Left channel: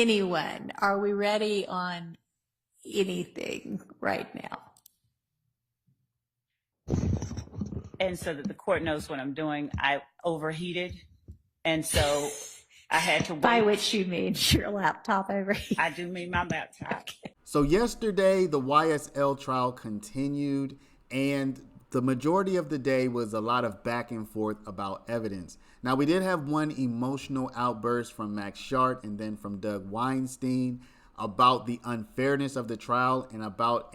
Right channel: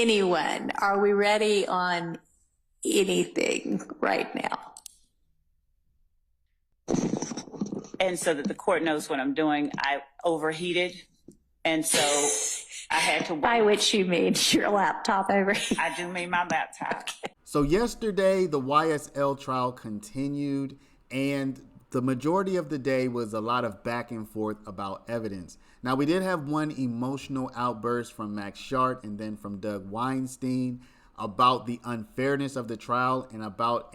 anyone, are we ready on anything right now? And so that the court knows what I'm doing, I overheated. And so I had to wait. By which you mean your laptop overheated? I do mean my laptop. So yesterday, the YSL trial continued, and the majority of the day was a lot of back and forth about evidence. Now, we did have one emotional outburst from Max Sharp and then from Doug Weinstein about the unfairness of the trial and about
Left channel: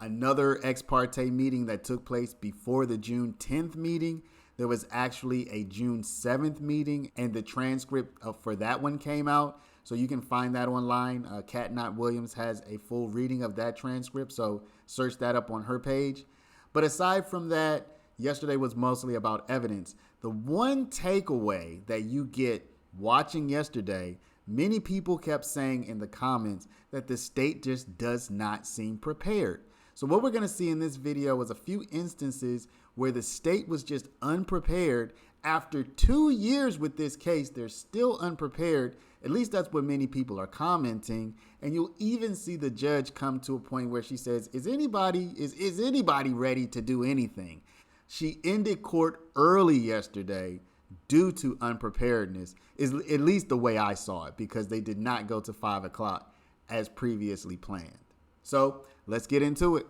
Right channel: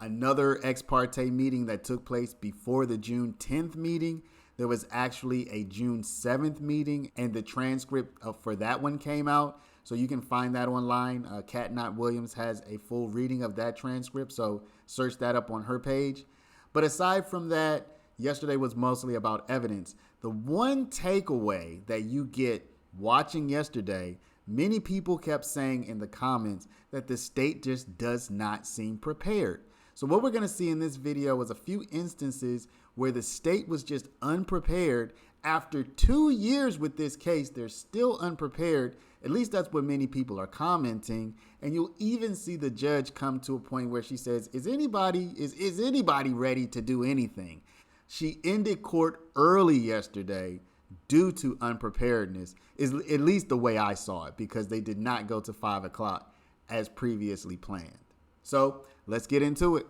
another ex parte meeting that took place before the June 10th meeting. There was actually a June 7th meeting, and the transcript for that one came out. So you can find that online. Kat Knott Williams has a full reading of that transcript, so search that up on her page. But aside from that, yesterday was mostly about evidence. The one takeaway that you get watching yesterday, many people kept saying in the comments that the state just does not seem prepared. So what we're going to see in this video is a few instances where the state was just unprepared. After 2 years with this case, they're still unprepared. At least that's what many people are commenting. And you'll even see the judge come to a point where she says, is anybody ready to do anything? She ended court early yesterday due to unpreparedness, is at least the way I saw it, because they did not go to 5 o'clock as previously planned. So let's get into it.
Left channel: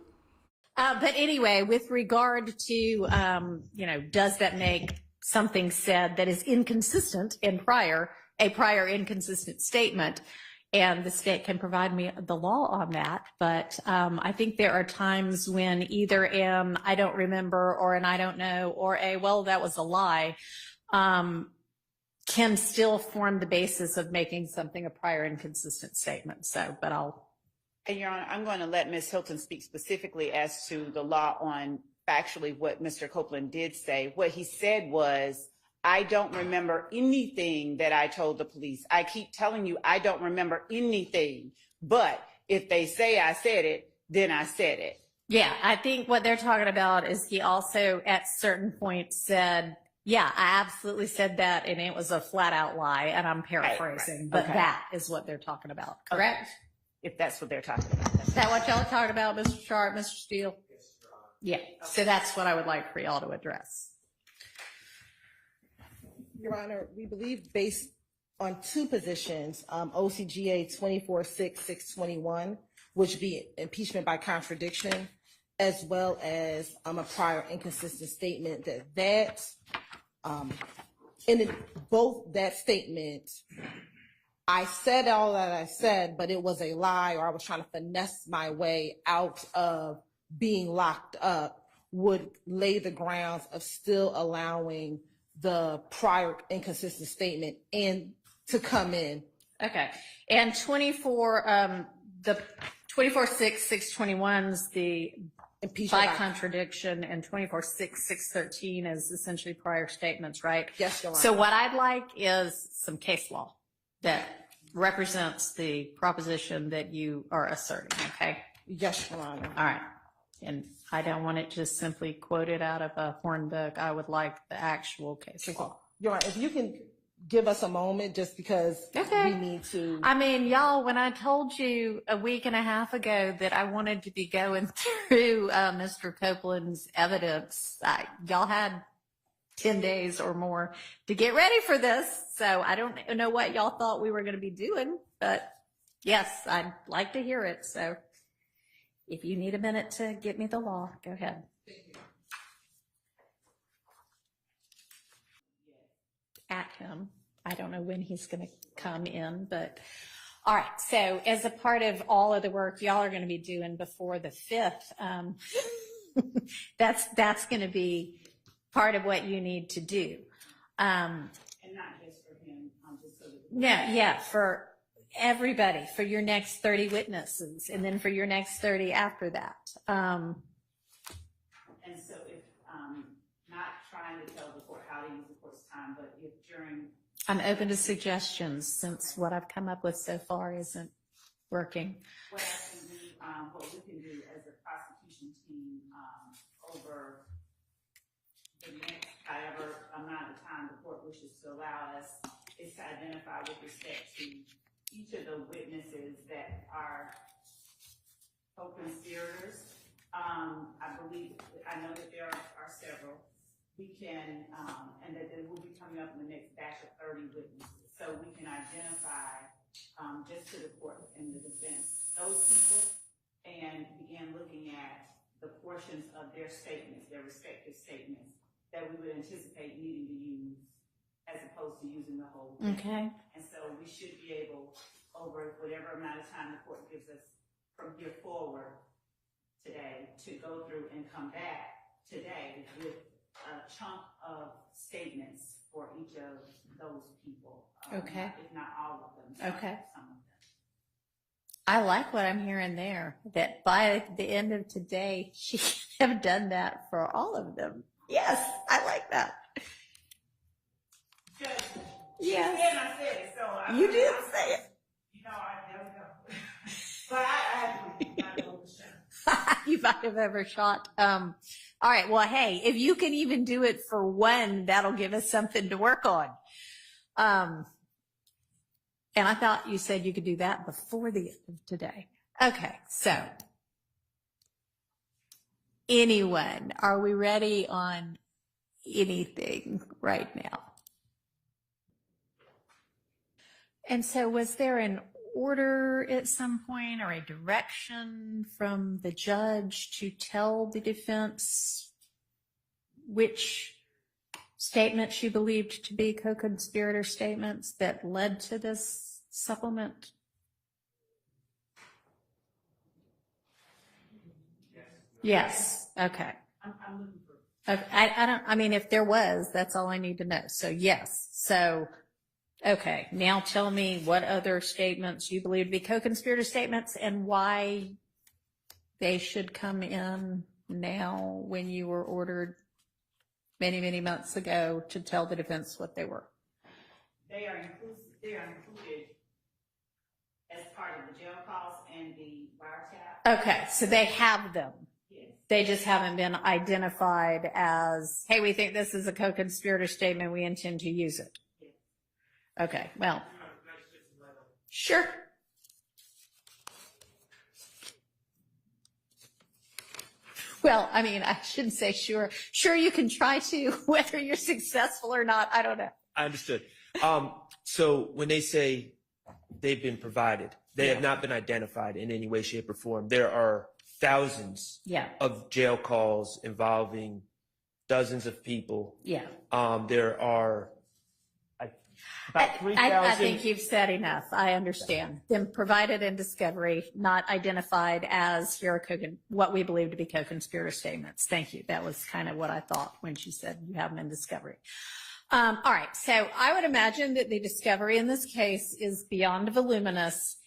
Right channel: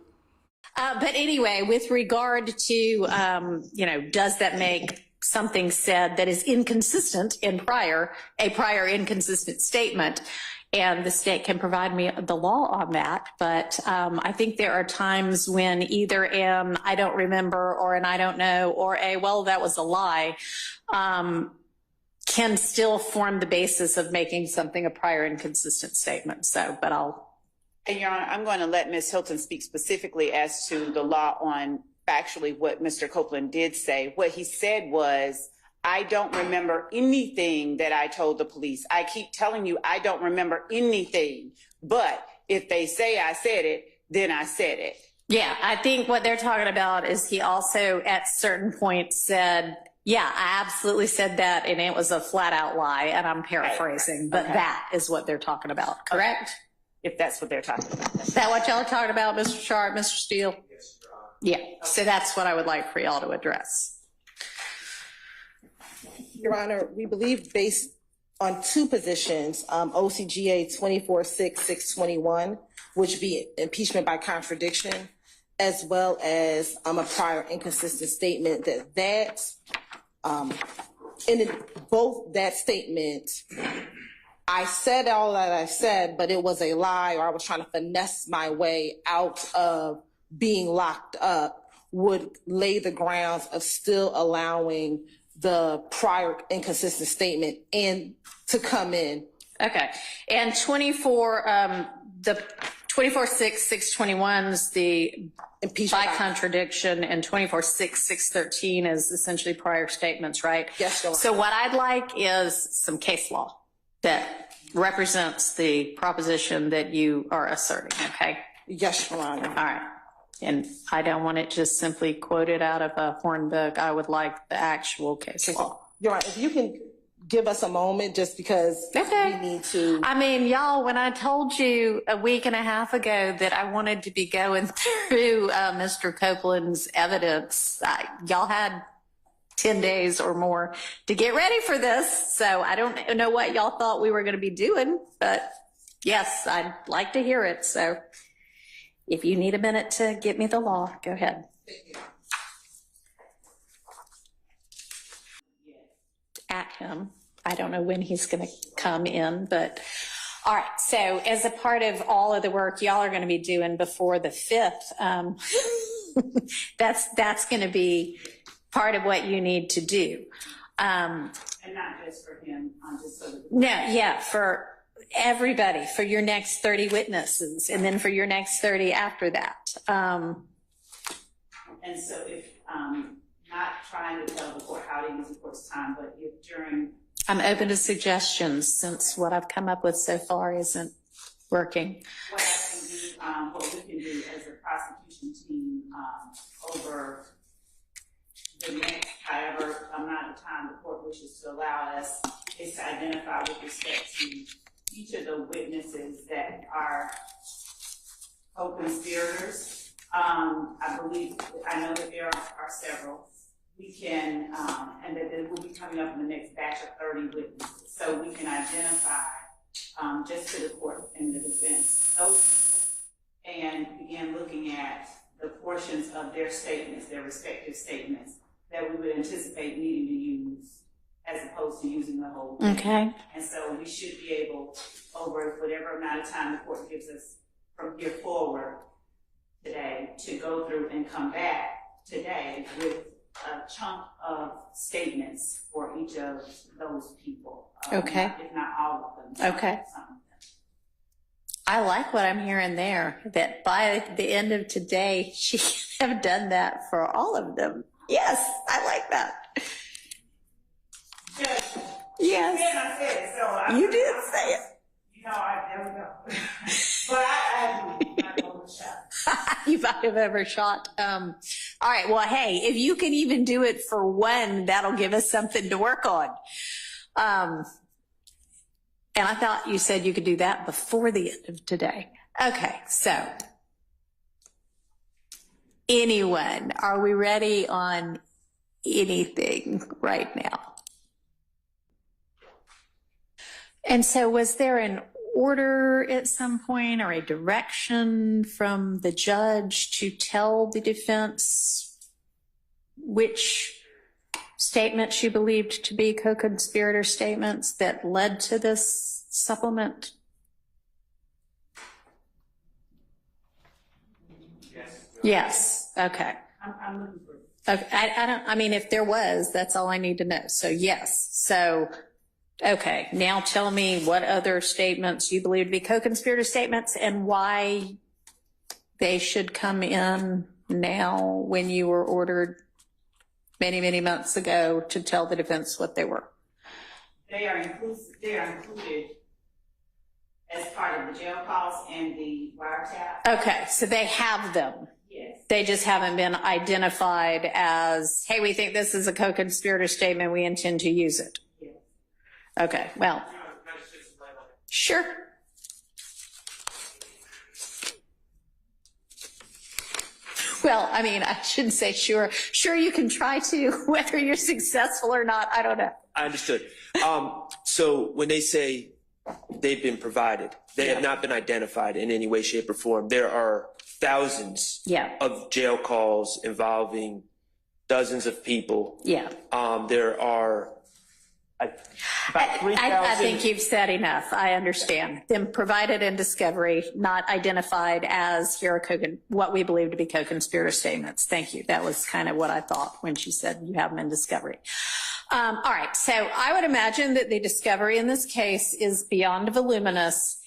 But anyway, with regard to, does that make something said that is inconsistent in a prior inconsistent statement? And the state can provide me the law on that. But I think there are times when either I don't remember, or an I don't know, or well, that was a lie, can still form the basis of making something a prior inconsistent statement. So, but And Your Honor, I'm going to let Ms. Hilton speak specifically as to the law on factually what Mr. Copeland did say. What he said was, I don't remember anything that I told the police. I keep telling you, I don't remember anything. But if they say I said it, then I said it. Yeah, I think what they're talking about is he also at certain points said, yeah, I absolutely said that, and it was a flat out lie, and I'm paraphrasing, but that is what they're talking about, correct? Okay. If that's what they're talking about. Is that what y'all are talking about, Mr. Sharp, Mr. Steele? Yes, Your Honor. Yeah, so that's what I would like for y'all to address. Your Honor, we believe based on two positions, OCGA 24-6-621, which be impeachment by contradiction, as well as a prior inconsistent statement, in both that statement, I said all that I said, but it was a lie, or I was trying to finesse my way out of being locked up, would lay the grounds of still allowing the prior inconsistent statement to come in. Okay, and 24-6-621's the Impeachment by contradiction, and 24-6-613 is essentially prior statements, right? Yes, Your Honor. So what I'd like is some case law that represents the proposition that you are asserting, okay? Yes, Your Honor. All right. And I don't want it just simply quoted out of a horn book. I would like the actual case law. Your Honor, if you can give us a moment, just because we need to. I mean, y'all, when I told you a week and a half ago that I wanted to be going through Mr. Copeland's evidence, y'all had 10 days or more to get ready for this. So I don't know what y'all thought we were going to be doing, but yes, I'd like to hear it. So if you need a minute to get me the law, go ahead. At him. I don't know when he's going to come in, but all right. So as a part of all of the work y'all are going to be doing before the 5th, that's going to be part of what you need to do. And not just for him, just so that for everybody, for your next 30 witnesses, and then for your next 30 after that. And so if not trying to tell the court how to use the court's time, but if during... I'm open to suggestions, since what I've come up with so far isn't working. What we can do as a prosecution team over the next, however amount of time the court wishes to allow us, is to identify with respect to each of the witnesses that are co-conspirators. I know that there are several. We can, and that it will be coming up in the next batch of 30 witnesses. So we can identify, just to the court and the defense, those people, and begin looking at the portions of their statements, their respective statements, that we would anticipate needing to use as opposed to using the whole thing. Okay. And so we should be able, over whatever amount of time the court gives us from here forward today, to go through and come back today with a chunk of statements for each of those people. Okay. If not all of them. Okay. Some of them. I like what I'm hearing there, that by the end of today, she can have done that for all of them. Yes, I like that. Judge, Yes, I said it, so you did say it. You know, there we go. But I not overshot. You might have overshot. All right. Well, hey, if you can even do it for one, that'll give us something to work on. And I thought you said you could do that before the end of today. Okay. So anyone, are we ready on anything right now? And so was there an order at some point or a direction from the judge to tell the defense which statements she believed to be co-conspirator statements that led to this supplement? Yes. Okay. I'm looking for Okay. I mean, if there was, that's all I need to know. So yes. So, okay. Now tell me what other statements you believe to be co-conspirator statements and why they should come in now when you were ordered many, many months ago to tell the defense what they were. They are included as part of the jail calls and the wiretap. Okay. So they have them. Yes. They just haven't been identified as, hey, we think this is a co-conspirator statement. We intend to use it. Yes. Okay. Well, sure. Well, I mean, I shouldn't say sure. Sure, you can try to, whether you're successful or not, I don't know. I understood. So when they say they've been provided, they have not been identified in any way, shape, or form. There are thousands of jail calls involving dozens of people. Yeah. There are about 3,000. I think you've said enough. I understand. Them provided in discovery, not identified as here are what we believe to be co-conspirator statements. Thank you. That was kind of what I thought when she said you have them in discovery. All right. So I would imagine that the discovery in this case is beyond voluminous.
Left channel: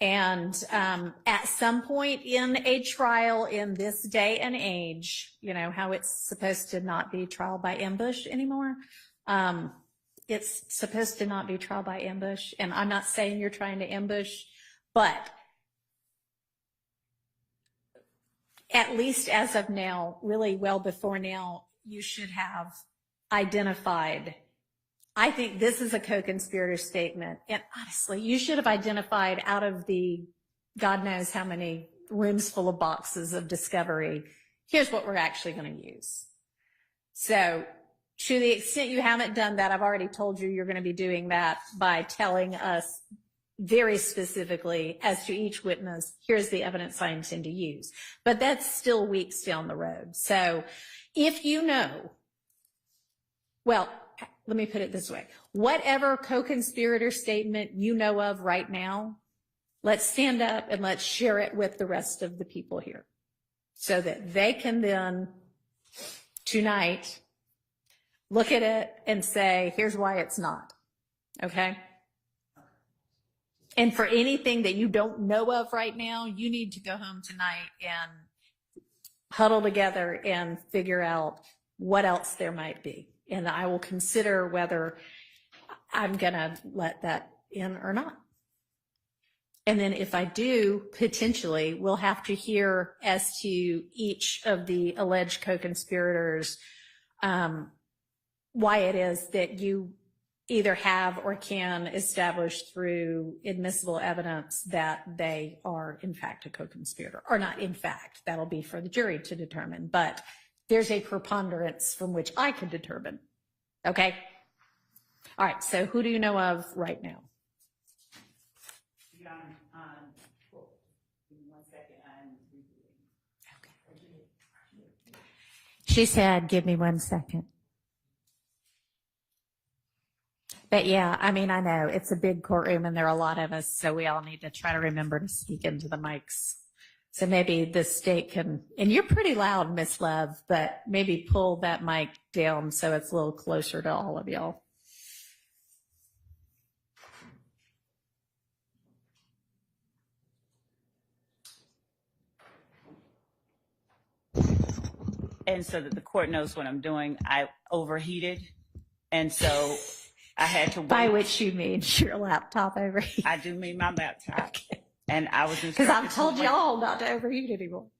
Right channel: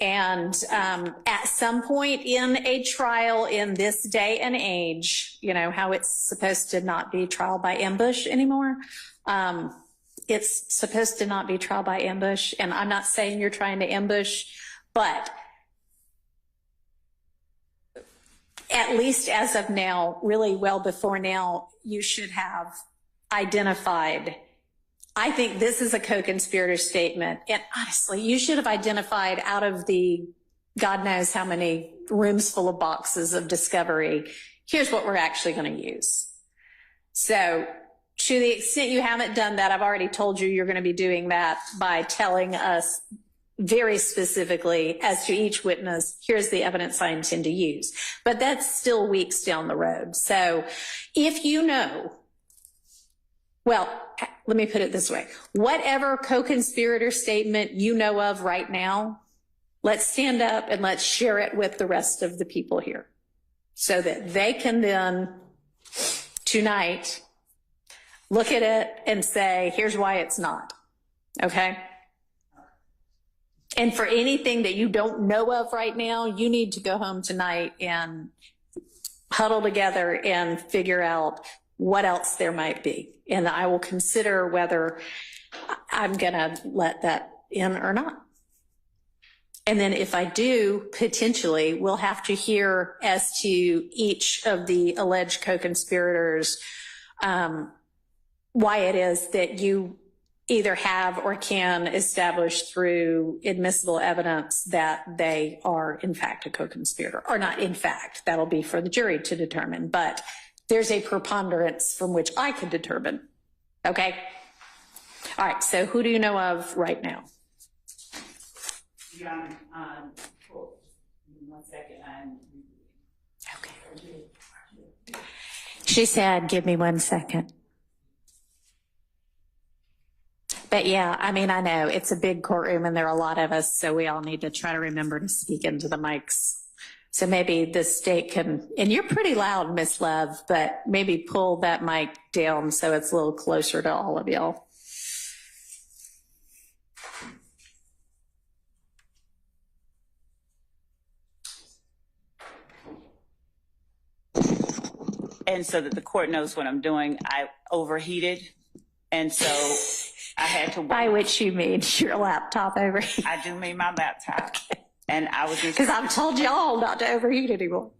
And at some point in a trial in this day and age, you know, how it's supposed to not be trial by ambush anymore. It's supposed to not be trial by ambush. And I'm not saying you're trying to ambush, but at least as of now, really well before now, you should have identified, I think this is a co-conspirator statement. And honestly, you should have identified out of the God knows how many rooms full of boxes of discovery, here's what we're actually going to use. So to the extent you haven't done that, I've already told you you're going to be doing that by telling us very specifically as to each witness, here's the evidence I intend to use. But that's still weeks down the road. So if you know, well, let me put it this way. Whatever co-conspirator statement you know of right now, let's stand up and let's share it with the rest of the people here so that they can then tonight look at it and say, here's why it's not. Okay? And for anything that you don't know of right now, you need to go home tonight and huddle together and figure out what else there might be. And I will consider whether I'm going to let that in or not. And then if I do, potentially, we'll have to hear as to each of the alleged co-conspirators, why it is that you either have or can establish through admissible evidence that they are in fact a co-conspirator, or not in fact, that'll be for the jury to determine, but there's a preponderance from which I can determine. Okay. All right. So who do you know of right now? Your Honor, give me 1 second. Okay. She said, give me 1 second. But yeah, I mean, I know it's a big courtroom and there are a lot of us, so we all need to try to remember to speak into the mics. So maybe the state can, and you're pretty loud, Miss Love, but maybe pull that mic down so it's a little closer to all of y'all. And so that the court knows what I'm doing, I overheated. And so I had to wait. By which you mean your laptop overheated. I do mean my laptop. Okay. And I was because I've told y'all not to overheat anymore.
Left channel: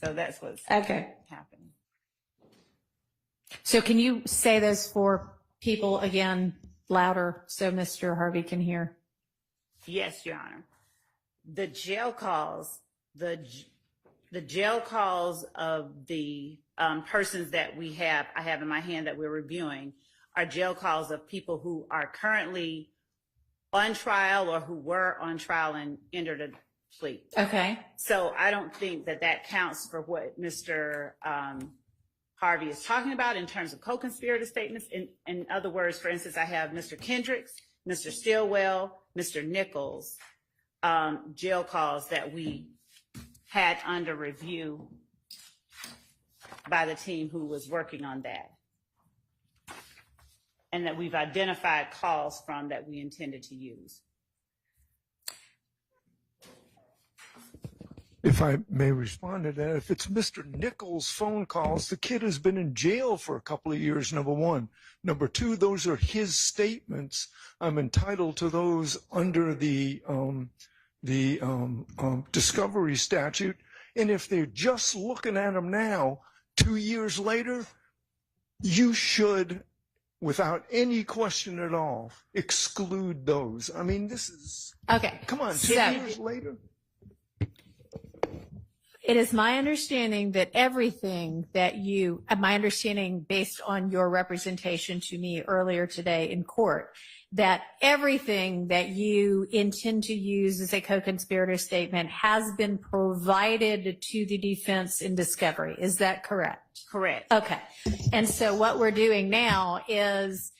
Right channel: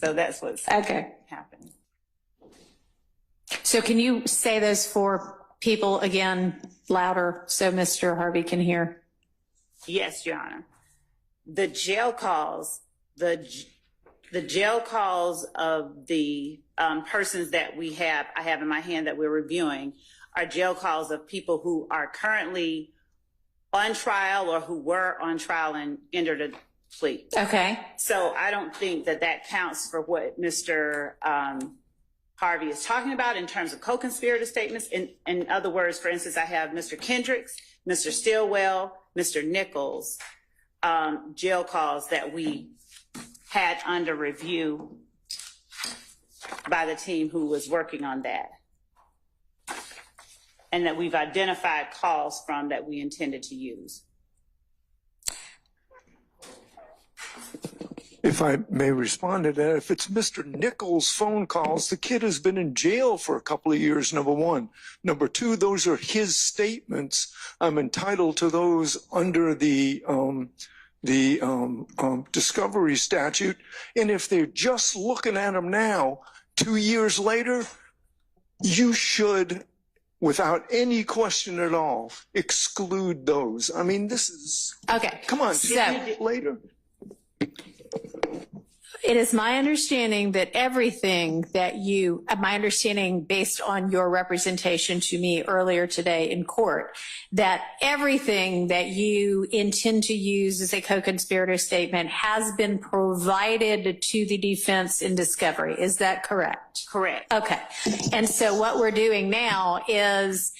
So that's what's okay happening. So can you say those for people again louder so Mr. Harvey can hear? Yes, Your Honor. The jail calls, the jail calls of the persons that I have in my hand that we're reviewing are jail calls of people who are currently on trial or who were on trial and entered a plea. Okay. So I don't think that that counts for what Mr. Harvey is talking about in terms of co-conspirator statements. In other words, for instance, I have Mr. Kendricks, Mr. Stillwell, Mr. Nichols, jail calls that we had under review by the team who was working on that. And that we've identified calls from that we intended to use. If I may respond to that, if it's Mr. Nichols' phone calls, the kid has been in jail for a couple of years, number one. Number two, those are his statements. I'm entitled to those under the discovery statute. And if they're just looking at them now, 2 years later, you should, without any question at all, exclude those. I mean, this is, okay. Come on, 2 years later. It is my understanding that everything that my understanding based on your representation to me earlier today in court, that everything that you intend to use as a co-conspirator statement has been provided to the defense in discovery. Is that correct? Correct. Okay. And so what we're doing now is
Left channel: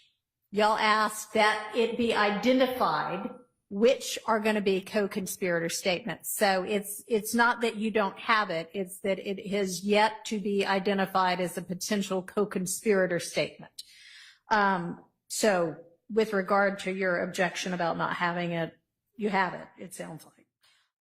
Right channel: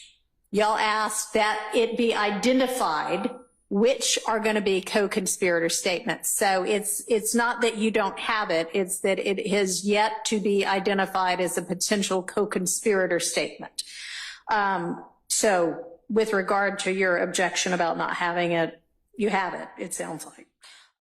y'all asked that it be identified which are going to be co-conspirator statements. So it's not that you don't have it, it's that it has yet to be identified as a potential co-conspirator statement. So with regard to your objection about not having it, you have it, it sounds like.